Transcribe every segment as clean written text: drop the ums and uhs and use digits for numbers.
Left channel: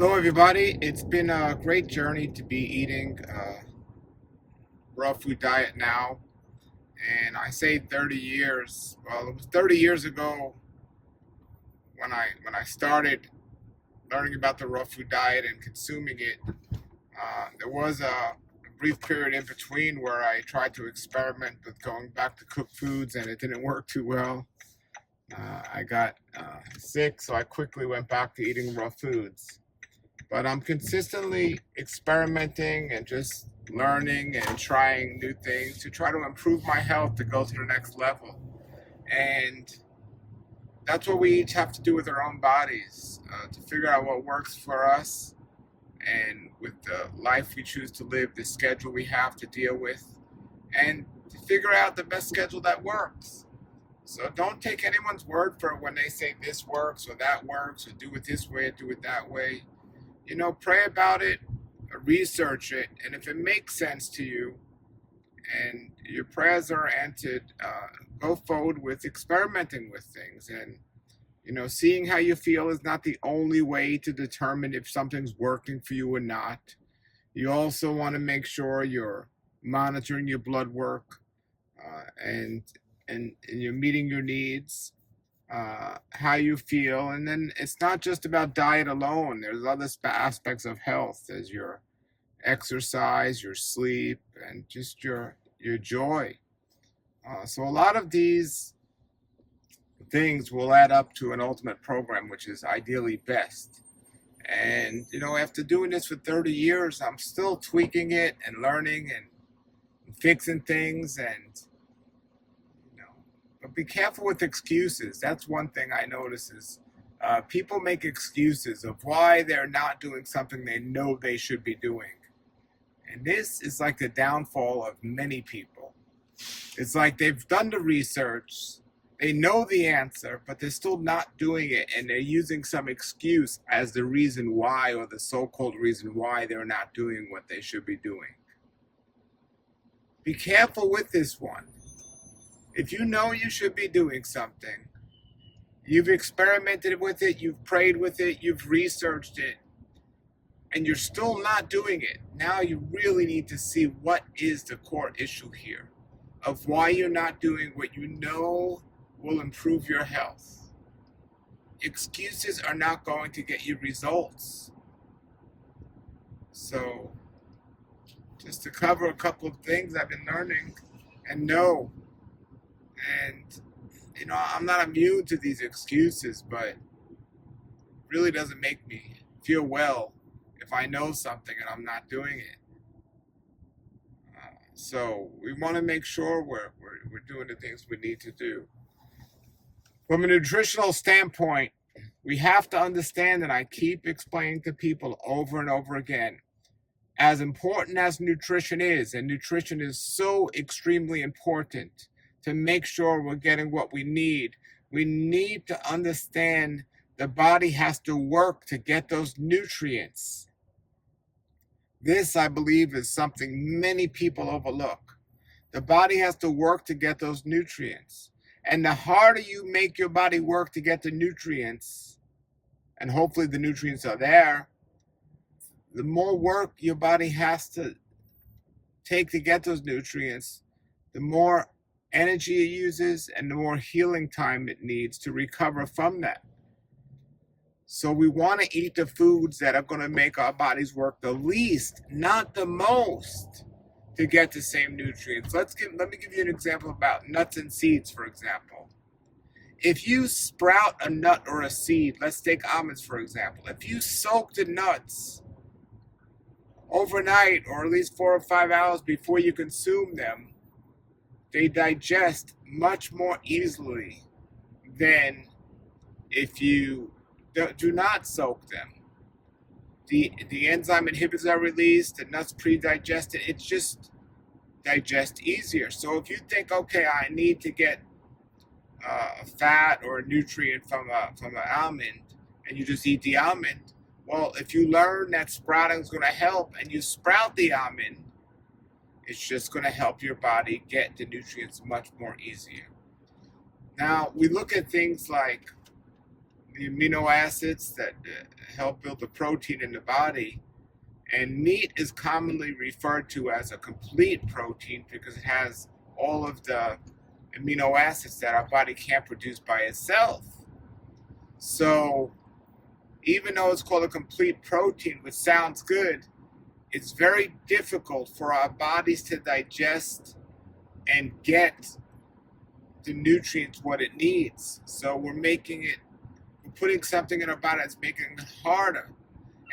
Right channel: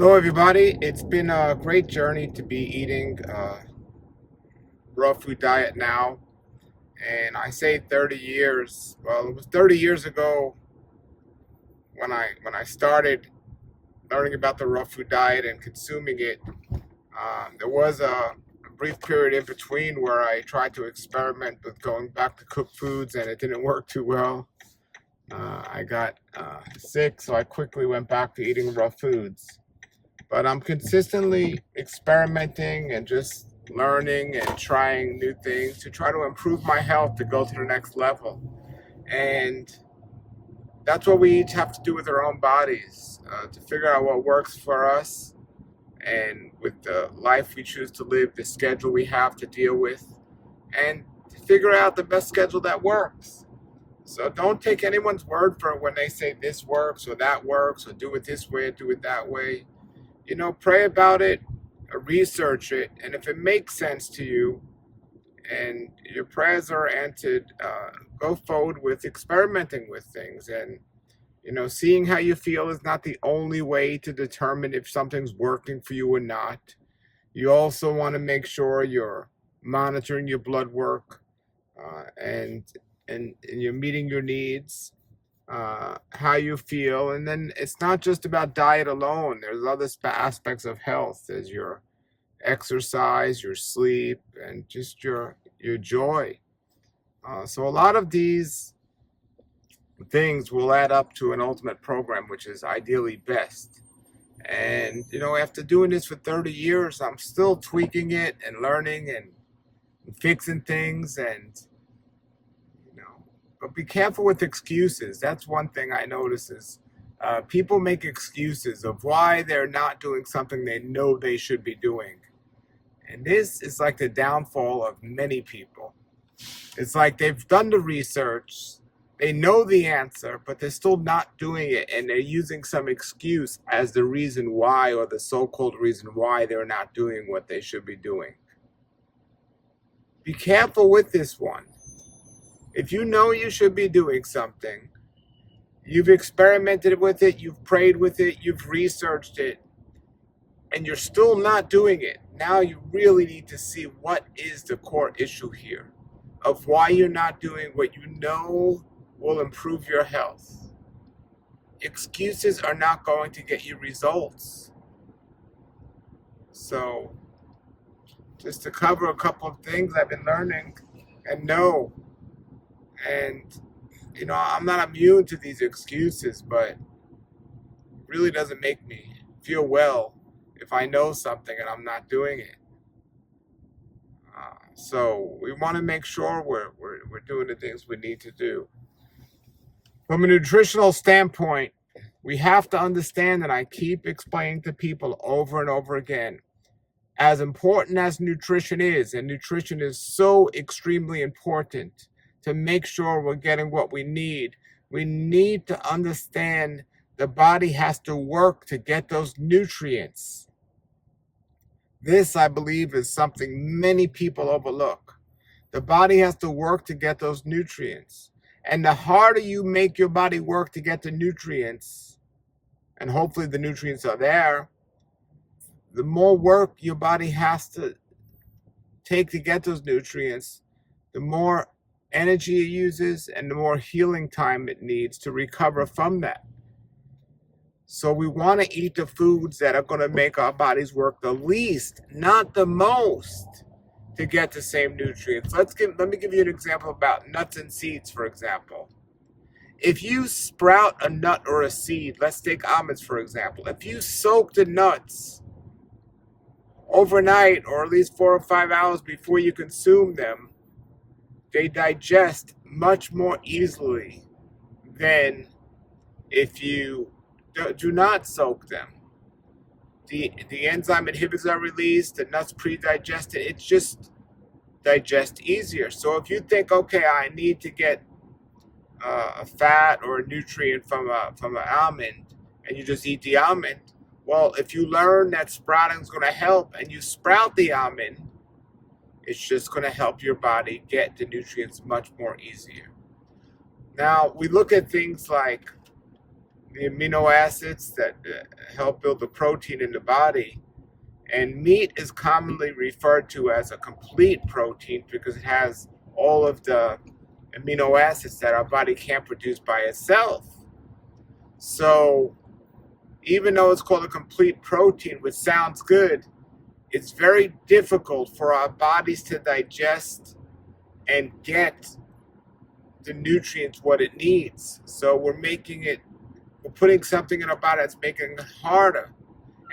Hello, everybody. It's been a great journey to be eating raw food diet now. And I say 30 years. Well, it was 30 years ago when I started learning about the raw food diet and consuming it. There was a brief period in between where I tried to experiment with going back to cooked foods, and it didn't work too well. I got sick, so I quickly went back to eating raw foods. But I'm consistently experimenting and just learning and trying new things to try to improve my health to go to the next level. And that's what we each have to do with our own bodies, to figure out what works for us and with the life we choose to live, the schedule we have to deal with, and to figure out the best schedule that works. So don't take anyone's word for it when they say this works or that works or do it this way or do it that way. Pray about it, research it, and if it makes sense to you and your prayers are answered, go forward with experimenting with things. And, seeing how you feel is not the only way to determine if something's working for you or not. You also want to make sure you're monitoring your blood work and you're meeting your needs, how you feel. And then it's not just about diet alone. There's other aspects of health. There's your exercise, your sleep, and just your joy. So a lot of these things will add up to an ultimate program, which is ideally best. And, after doing this for 30 years, I'm still tweaking it and learning and fixing things. And but be careful with excuses. That's one thing I notice is people make excuses of why they're not doing something they know they should be doing. And this is like the downfall of many people. It's like they've done the research, they know the answer, but they're still not doing it. And they're using some excuse as the reason why, or the so-called reason why they're not doing what they should be doing. Be careful with this one. If you know you should be doing something, you've experimented with it, you've prayed with it, you've researched it, and you're still not doing it, now you really need to see what is the core issue here of why you're not doing what you know will improve your health. Excuses are not going to get you results. So, just to cover a couple of things I've been learning and know. And, I'm not immune to these excuses, but it really doesn't make me feel well if I know something and I'm not doing it. So we want to make sure we're doing the things we need to do. From a nutritional standpoint, we have to understand, and I keep explaining to people over and over again, as important as nutrition is, and nutrition is so extremely important to make sure we're getting what we need to understand the body has to work to get those nutrients. This, I believe, is something many people overlook. The body has to work to get those nutrients. And the harder you make your body work to get the nutrients, and hopefully the nutrients are there, the more work your body has to take to get those nutrients, the more energy it uses and the more healing time it needs to recover from that. So we want to eat the foods that are going to make our bodies work the least, not the most, to get the same nutrients. Let me give you an example about nuts and seeds, for example. If you sprout a nut or a seed, let's take almonds, for example. If you soak the nuts overnight, or at least 4 or 5 hours before you consume them, they digest much more easily than if you do not soak them. The enzyme inhibitors are released, the nuts pre-digested, it just digests easier. So if you think, okay, I need to get a fat or a nutrient from an almond, and you just eat the almond, well, if you learn that sprouting is going to help and you sprout the almond, it's just going to help your body get the nutrients much more easier. Now, we look at things like, the amino acids that help build the protein in the body. And meat is commonly referred to as a complete protein because it has all of the amino acids that our body can't produce by itself. So even though it's called a complete protein, which sounds good, it's very difficult for our bodies to digest and get the nutrients what it needs. So we're putting something in our body that's making it harder.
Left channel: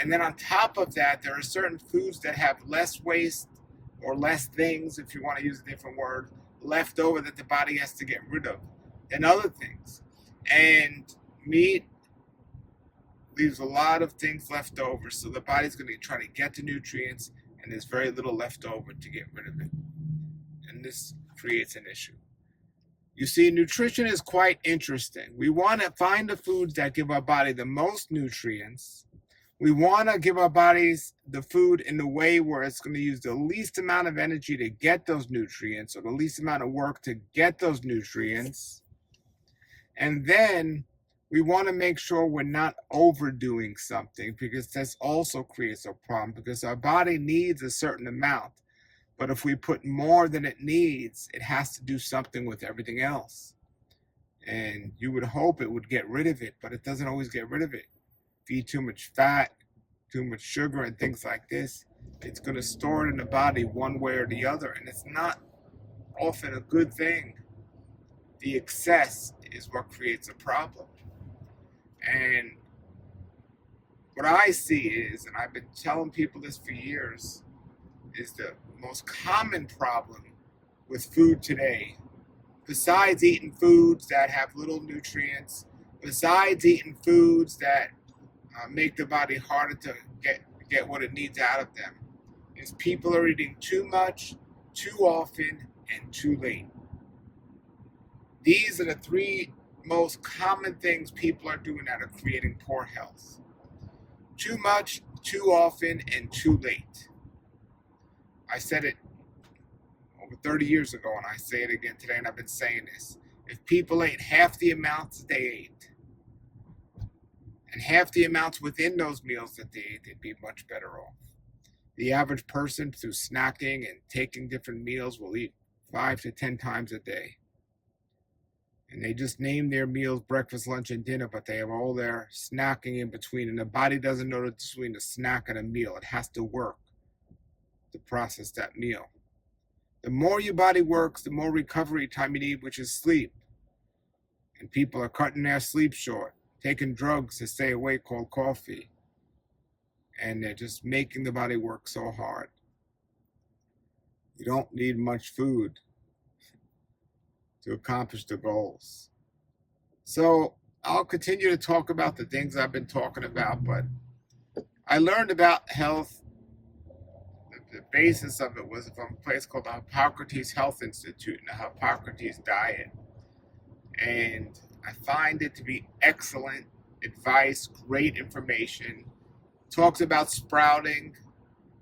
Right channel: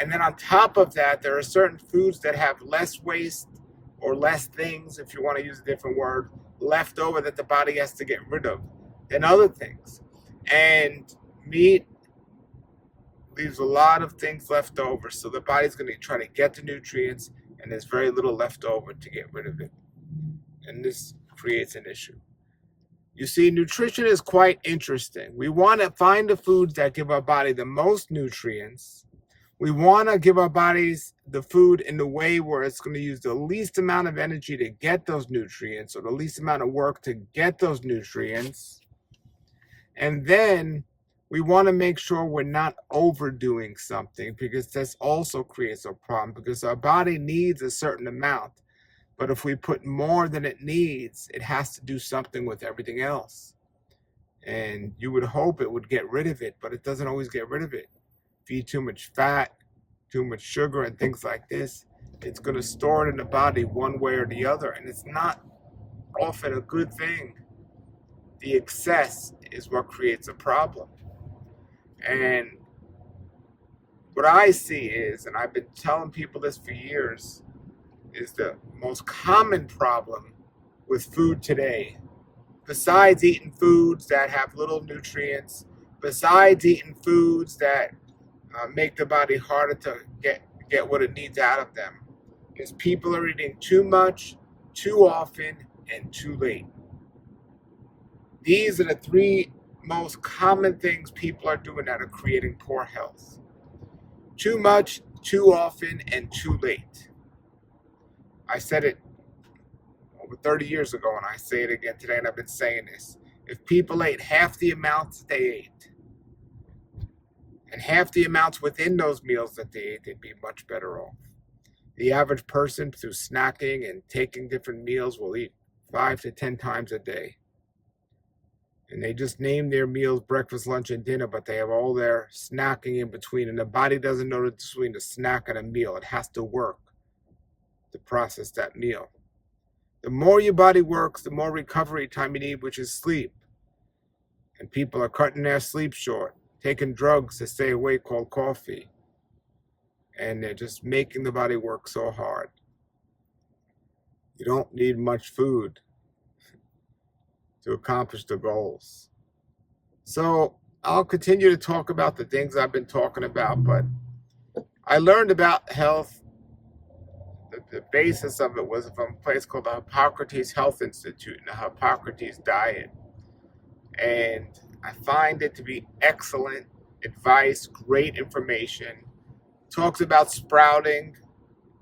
And then on top of that, there are certain foods that have less waste or less things, if you want to use a different word, left over that the body has to get rid of than other things. And meat leaves a lot of things left over. So the body's going to try to get the nutrients, and there's very little left over to get rid of it. And this creates an issue. You see, nutrition is quite interesting. We want to find the foods that give our body the most nutrients. We want to give our bodies the food in the way where it's going to use the least amount of energy to get those nutrients, or the least amount of work to get those nutrients. And then we want to make sure we're not overdoing something, because this also creates a problem, because our body needs a certain amount. But if we put more than it needs, it has to do something with everything else. And you would hope it would get rid of it, but it doesn't always get rid of it. If you eat too much fat, too much sugar, and things like this, it's going to store it in the body one way or the other. And it's not often a good thing. The excess is what creates a problem. And what I see is, and I've been telling people this for years, is the most common problem with food today, besides eating foods that have little nutrients, besides eating foods that make the body harder to get what it needs out of them, is people are eating too much, too often, and too late. These are the three most common things people are doing that are creating poor health. Too much, too often, and too late. I said it over 30 years ago, and I say it again today, and I've been saying this. If people ate half the amounts they ate, and half the amounts within those meals that they ate, they'd be much better off. The average person, through snacking and taking different meals, will eat 5 to 10 times a day. And they just name their meals breakfast, lunch, and dinner, but they have all their snacking in between. And the body doesn't know the difference between a snack and a meal. It has to work to process that meal. The more your body works, the more recovery time you need, which is sleep. And people are cutting their sleep short, taking drugs to stay awake called coffee. And they're just making the body work so hard. You don't need much food to accomplish the goals. So I'll continue to talk about the things I've been talking about, but I learned about health. The basis of it was from a place called the Hippocrates Health Institute and the Hippocrates Diet. And I find it to be excellent advice, great information. Talks about sprouting,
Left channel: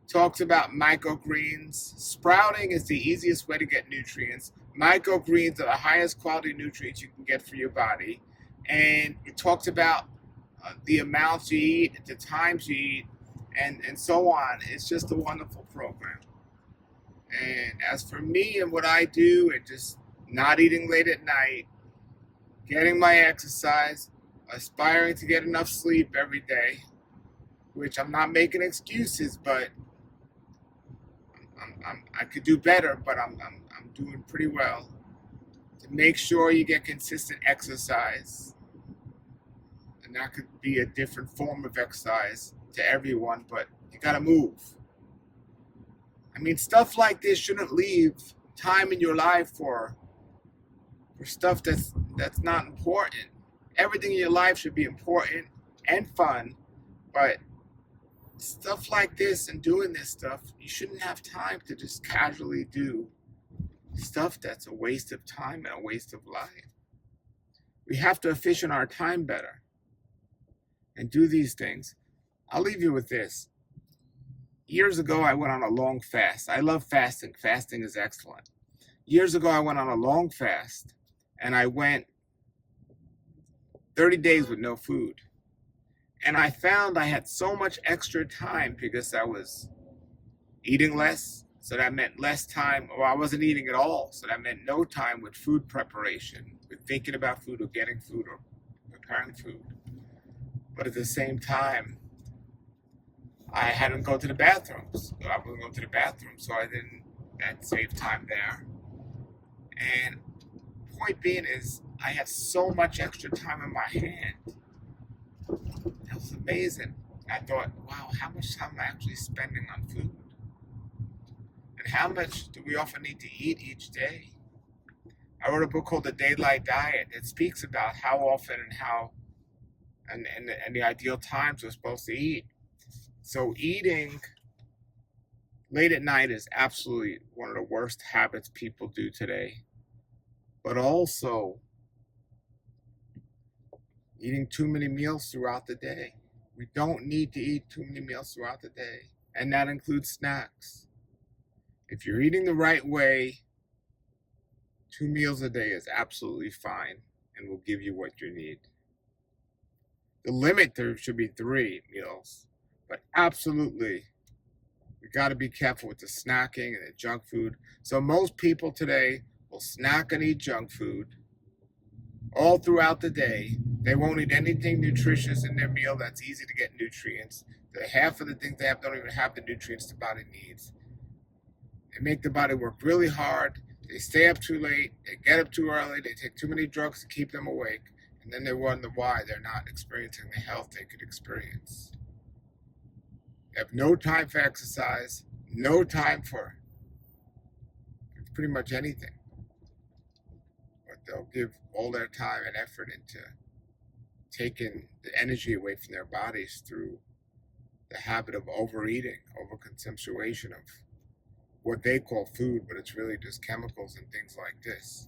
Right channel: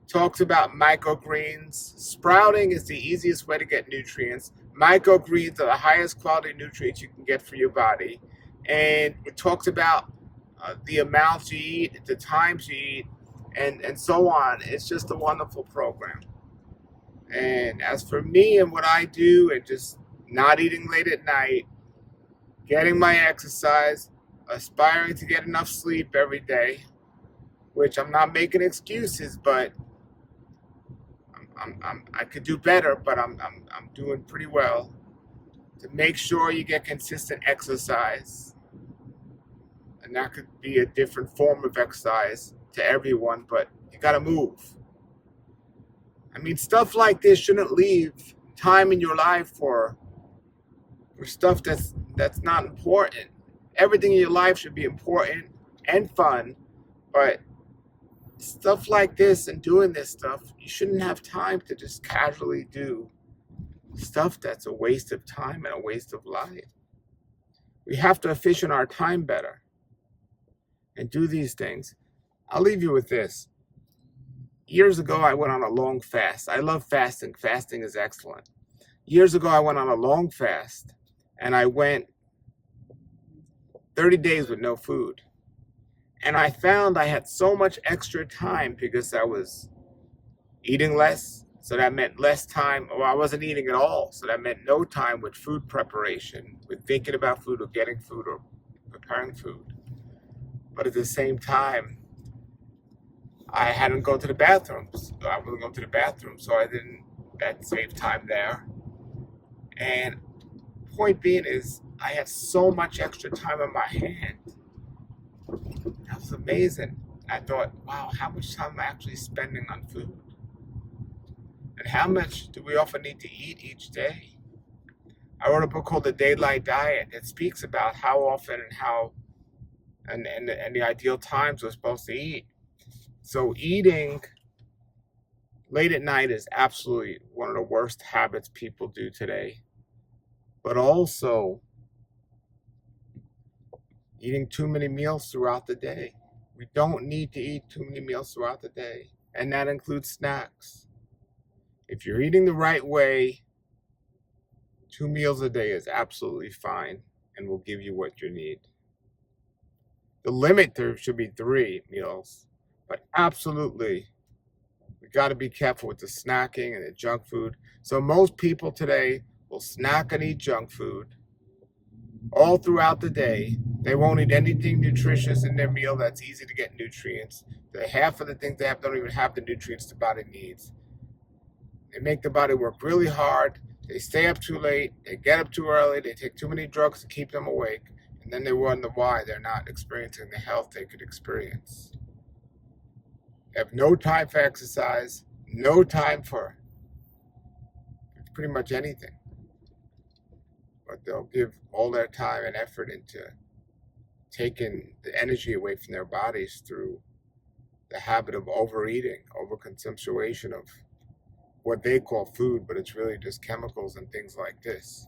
talks about microgreens. Sprouting is the easiest way to get nutrients. Microgreens are the highest quality nutrients you can get for your body. And it talks about the amounts you eat, the times you eat, and so on. It's just a wonderful program. And as for me and what I do, and just not eating late at night, getting my exercise, aspiring to get enough sleep every day, which I'm not making excuses, but I could do better, but I'm doing pretty well. To make sure you get consistent exercise, and that could be a different form of exercise to everyone, but you got to move. I mean, stuff like this shouldn't leave time in your life for stuff that's not important. Everything in your life should be important and fun, but stuff like this and doing this stuff, you shouldn't have time to just casually do stuff that's a waste of time and a waste of life. We have to efficient our time better and do these things. I'll leave you with this. Years ago, I went on a long fast. I love fasting. Fasting is excellent. Years ago, I went on a long fast, and I went 30 days with no food. And I found I had so much extra time because I was eating less. So that meant less time, or I wasn't eating at all. So that meant no time with food preparation, with thinking about food or getting food or preparing food. But at the same time, I hadn't gone to the bathrooms. I wasn't going to the bathroom, so that saved time there. And point being is, I had so much extra time on my hand. That was amazing. I thought, wow, how much time am I actually spending on food? And how much do we often need to eat each day? I wrote a book called The Daylight Diet. It speaks about how often and how and the ideal times we're supposed to eat. So eating late at night is absolutely one of the worst habits people do today. But also eating too many meals throughout the day. We don't need to eat too many meals throughout the day. And that includes snacks. If you're eating the right way, 2 meals a day is absolutely fine and will give you what you need. The limit there should be 3 meals, but absolutely, we got to be careful with the snacking and the junk food. So most people today will snack and eat junk food all throughout the day. They won't eat anything nutritious in their meal that's easy to get nutrients. Half of the things they have don't even have the nutrients the body needs. They make the body work really hard. They stay up too late. They get up too early. They take too many drugs to keep them awake. And then they wonder why they're not experiencing the health they could experience. They have no time for exercise, no time for pretty much anything. But they'll give all their time and effort into taking the energy away from their bodies through the habit of overeating, overconsumption of what they call food, but it's really just chemicals and things like this.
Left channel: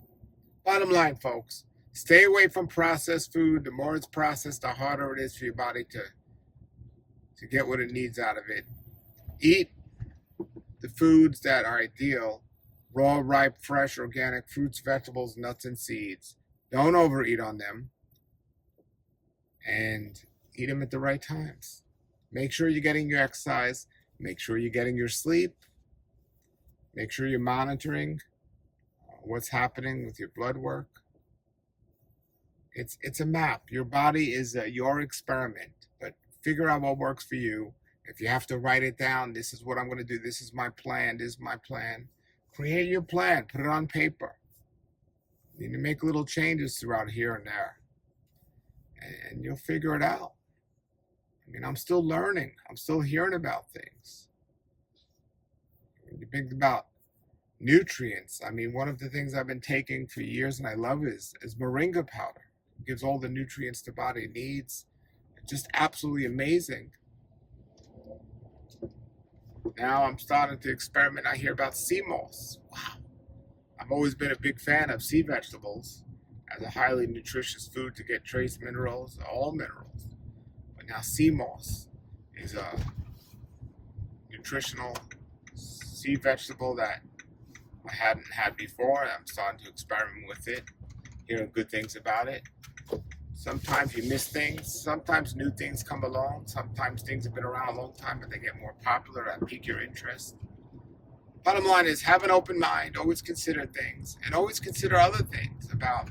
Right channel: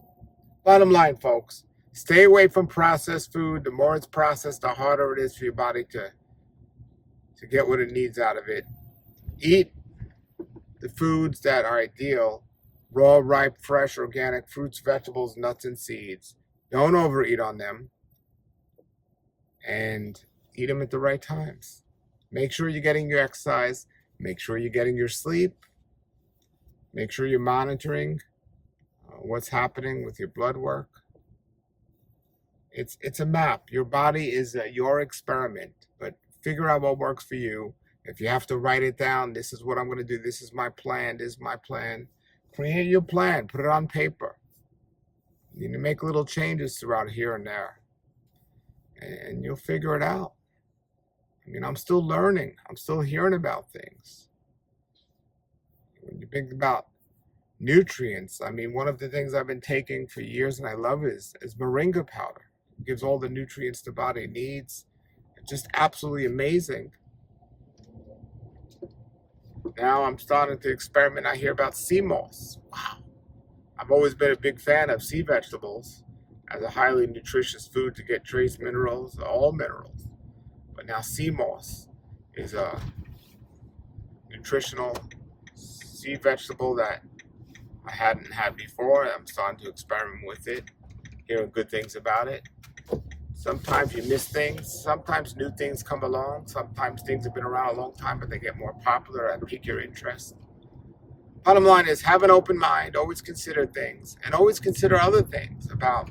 Bottom line, folks, stay away from processed food. The more it's processed, the harder it is for your body to get what it needs out of it. Eat the foods that are ideal: raw, ripe, fresh, organic fruits, vegetables, nuts, and seeds. Don't overeat on them, and eat them at the right times. Make sure you're getting your exercise. Make sure you're getting your sleep. Make sure you're monitoring what's happening with your blood work. It's a map. Your body is your experiment, but figure out what works for you. If you have to write it down, this is what I'm going to do. This is my plan. This is my plan. Create your plan. Put it on paper. You need to make little changes throughout here and there, and you'll figure it out. I mean, I'm still learning. I'm still hearing about things. When you think about nutrients, I mean, one of the things I've been taking for years and I love is moringa powder. It gives all the nutrients the body needs. It's just absolutely amazing. Now I'm starting to experiment. I hear about sea moss. Wow. I've always been a big fan of sea vegetables as a highly nutritious food to get trace minerals, all minerals. But now sea moss is a nutritional sea vegetable that I hadn't had before. I'm starting to experiment with it, hearing good things about it. Sometimes you miss things. Sometimes new things come along. Sometimes things have been around a long time, but they get more popular and pique your interest. Bottom line is, have an open mind. Always consider things, and always consider other things about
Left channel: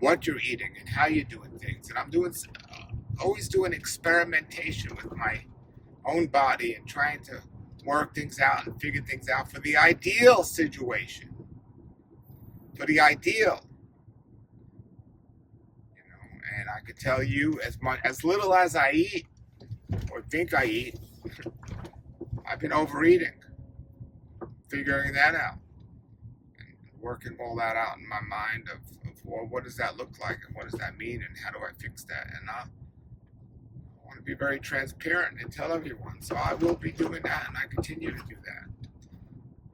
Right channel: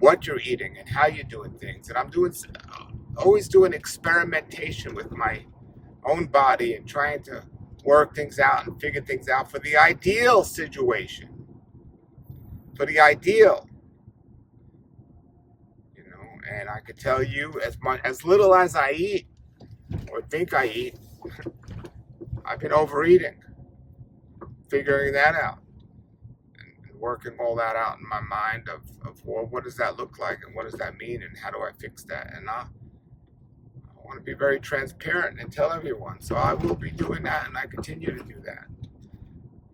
what you're eating and how you're doing things. And I'm always doing experimentation with my own body and trying to work things out and figure things out for the ideal situation, for the ideal, and I could tell you, as little as I eat or think I eat, I've been overeating, figuring that out and working all that out in my mind of well, what does that look like and what does that mean and how do I fix that? And I want to be very transparent and tell everyone. So I will be doing that, and I continue to do that.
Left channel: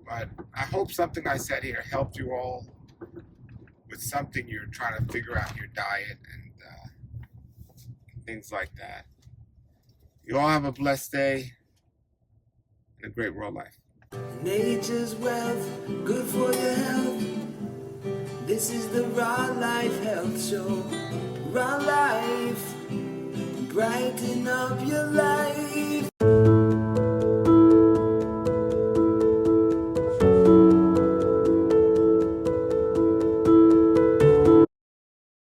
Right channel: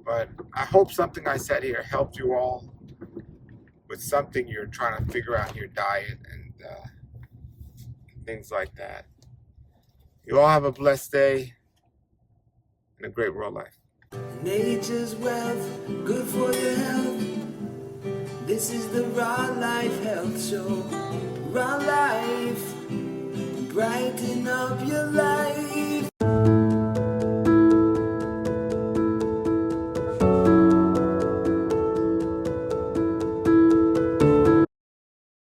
But I hope something I said here helped you all with something you're trying to figure out in your diet and things like that. You all have a blessed day and a great world life. Nature's wealth, good for your health. This is the Raw Life Health Show. our life, brighten up your life.